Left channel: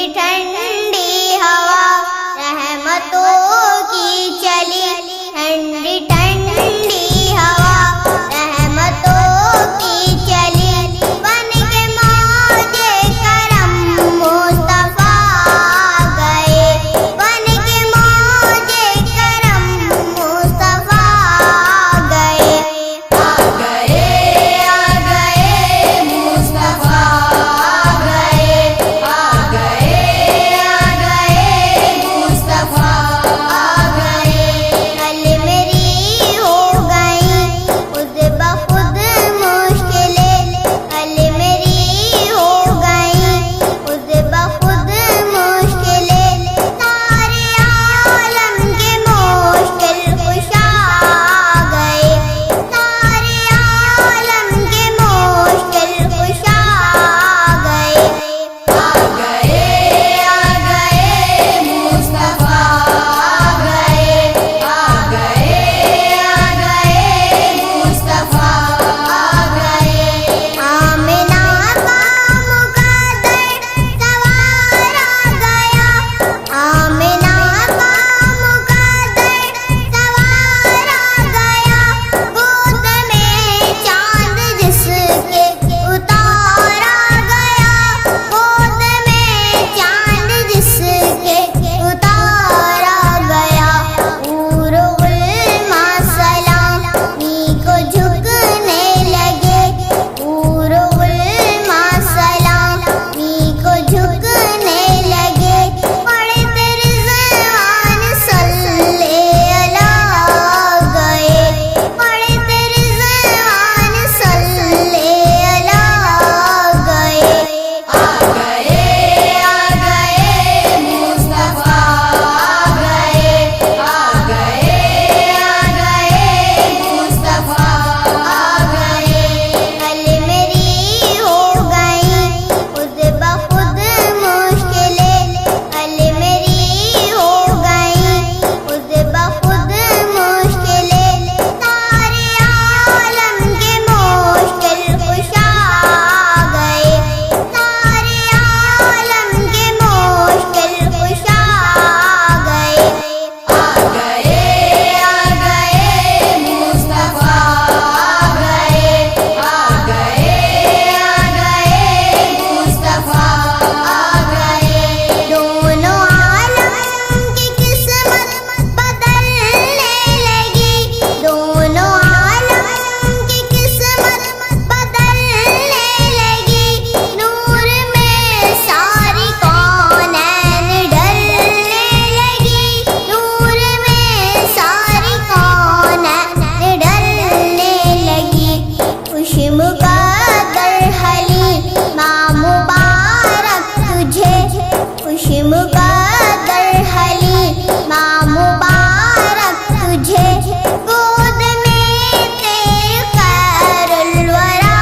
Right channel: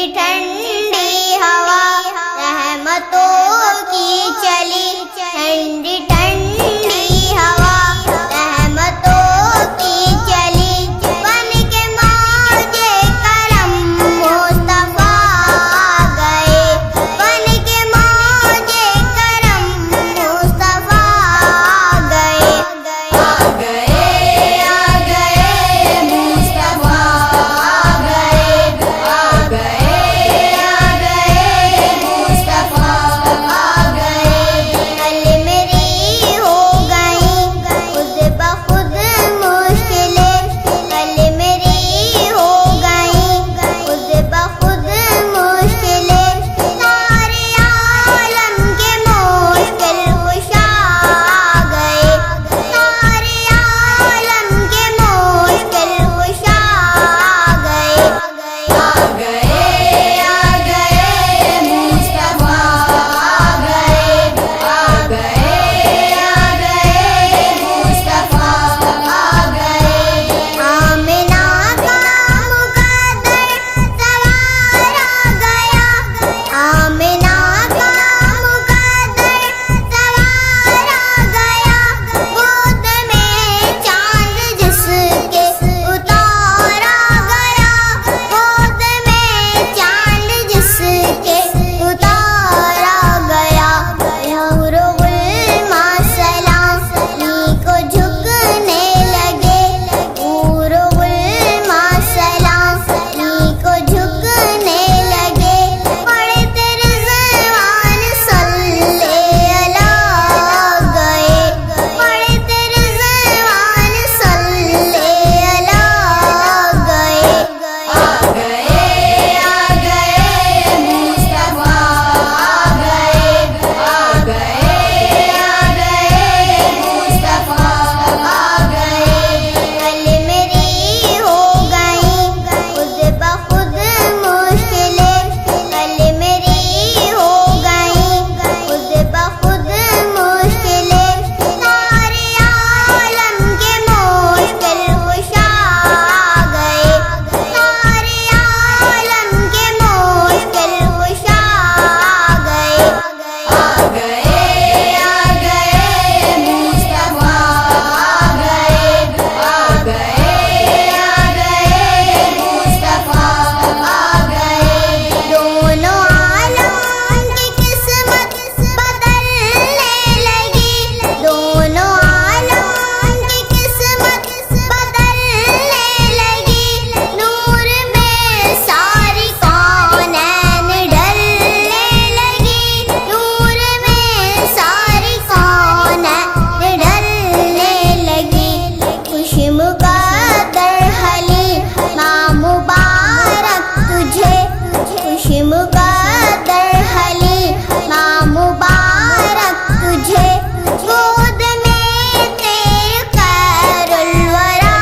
ٹھنڈی ٹھنڈی ہوا رحمتوں کی چلی، ٹھنڈی ٹھنڈی ہوا رحمتوں کی چلی، بن کے موج کرم مصطفیٰ گئے، بن کے موج کرم مصطفیٰ گئے، آ گئے آ گئے مصطفیٰ آ گئے، آ گئے آ گئے مصطفیٰ آ گئے، کل میری ہو گئی خود بخود مشکلیں، کل میری ہو گئی خود بخود مشکلیں، سارے عالم کے مشکل کشا گئے، سارے عالم کے مشکل کشا گئے، آ گئے مصطفیٰ آ گئے، آ گئے مصطفیٰ آ گئے، آمنہ کا مقدر سوار آ گیا، آمنہ کا مقدر سوار آ گیا، گود میں چاند جس کے اتار آ گیا، گود میں چاند جس کے اتار آ گیا، حور و غلماں سلامی کو جھکنے لگے، حور و غلماں سلامی کو جھکنے لگے، پڑھتے رضوان صلی اللہ گئے، پڑھتے رضوان صلی اللہ گئے، آ گئے مصطفیٰ آ گئے، آ گئے مصطفیٰ آ گئے، کل میری ہو گئی خود بخود مشکلیں، کل میری ہو گئی خود بخود مشکلیں، سارے عالم کے مشکل کشا گئے، سارے عالم کے مشکل کشا گئے، آ گئے مصطفیٰ آ گئے، آ گئے مصطفیٰ آ گئے، دونوں عالم کی قسمت بدلنے لگی، دونوں عالم کی قسمت بدلنے لگی، نور میں ساری کونین ڈھلنے لگی، نور میں ساری کونین ڈھلنے لگی، خوش مقدر حلیم ماں مبارک تجھے، خوش مقدر حلیم ماں مبارک تجھے، گود میں تیرے خیر الورا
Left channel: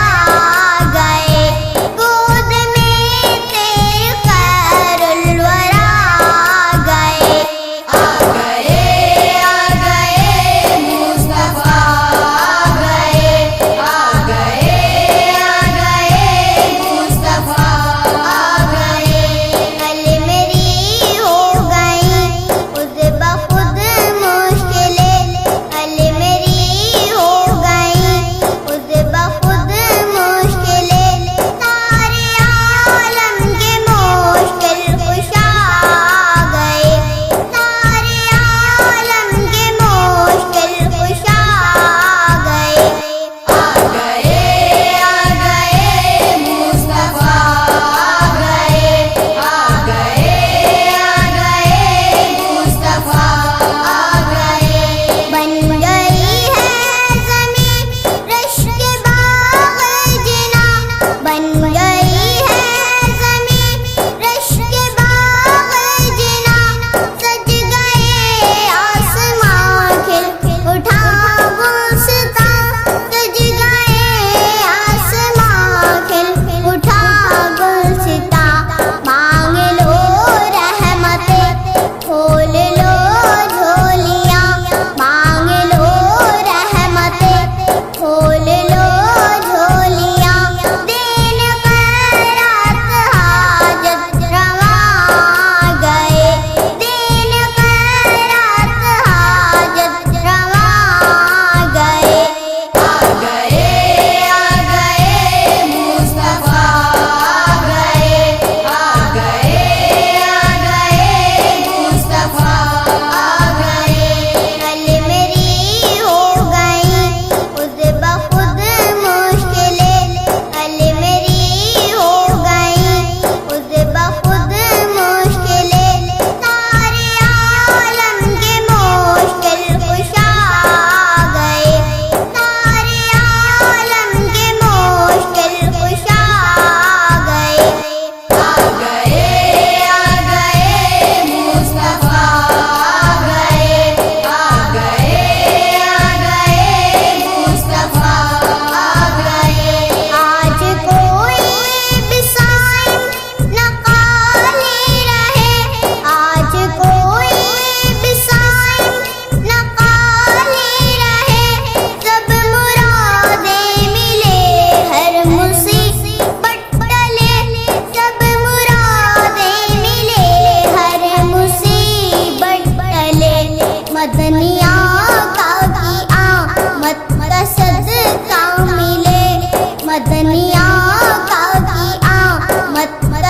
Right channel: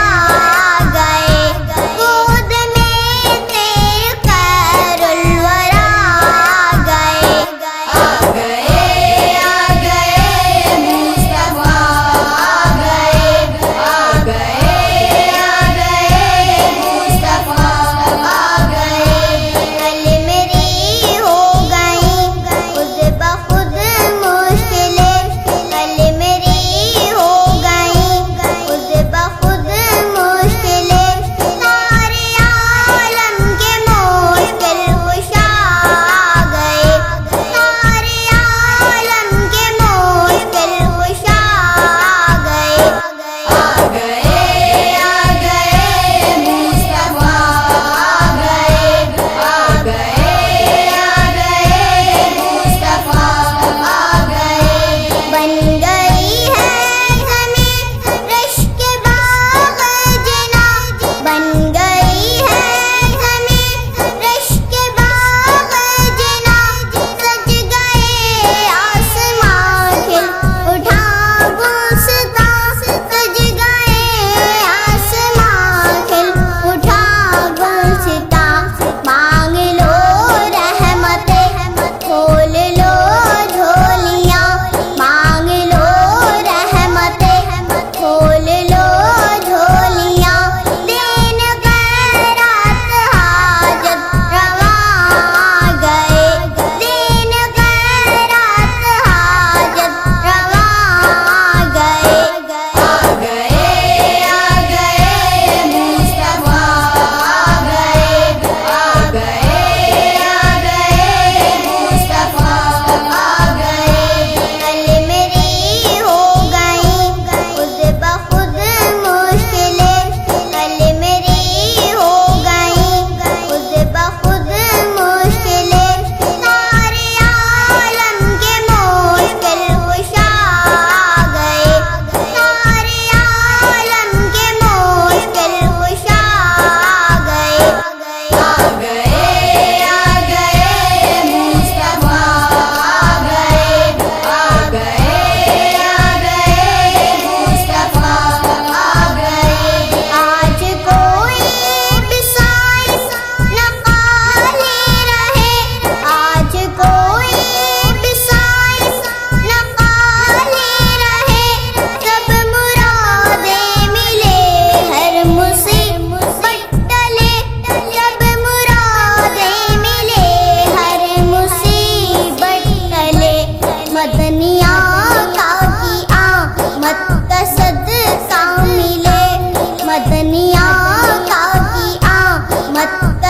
گئے، گود میں تیرے خیر الورا گئے، آ گئے مصطفیٰ آ گئے، آ گئے مصطفیٰ آ گئے، کل میری ہو گئی خود بخود مشکلیں، کل میری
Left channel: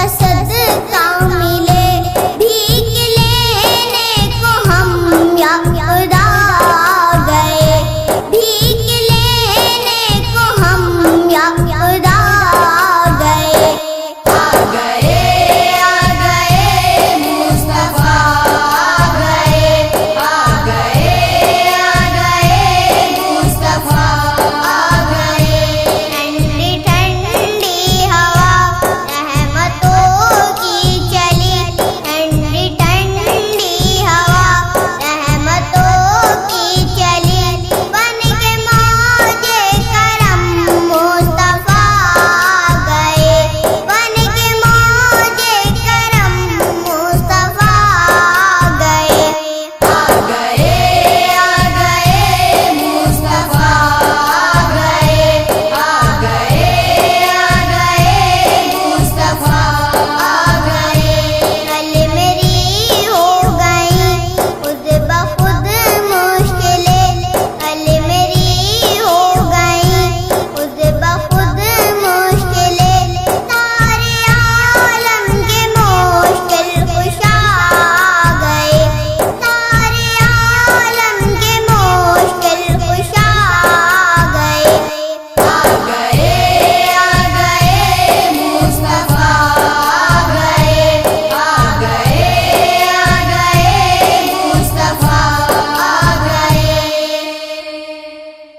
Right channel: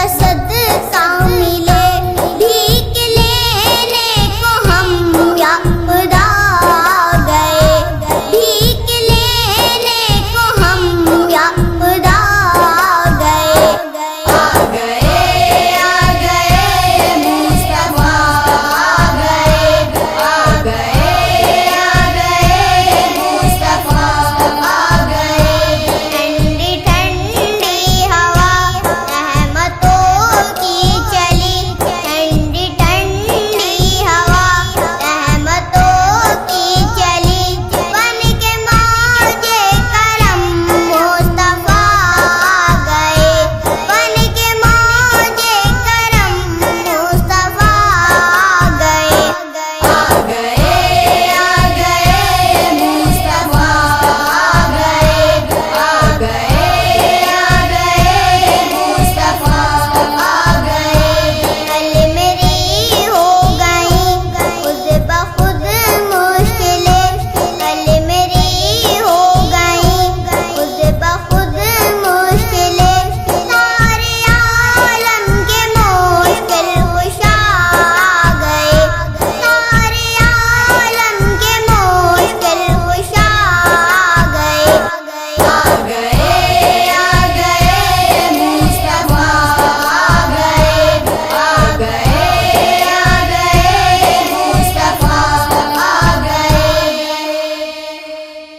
صدقہ ملا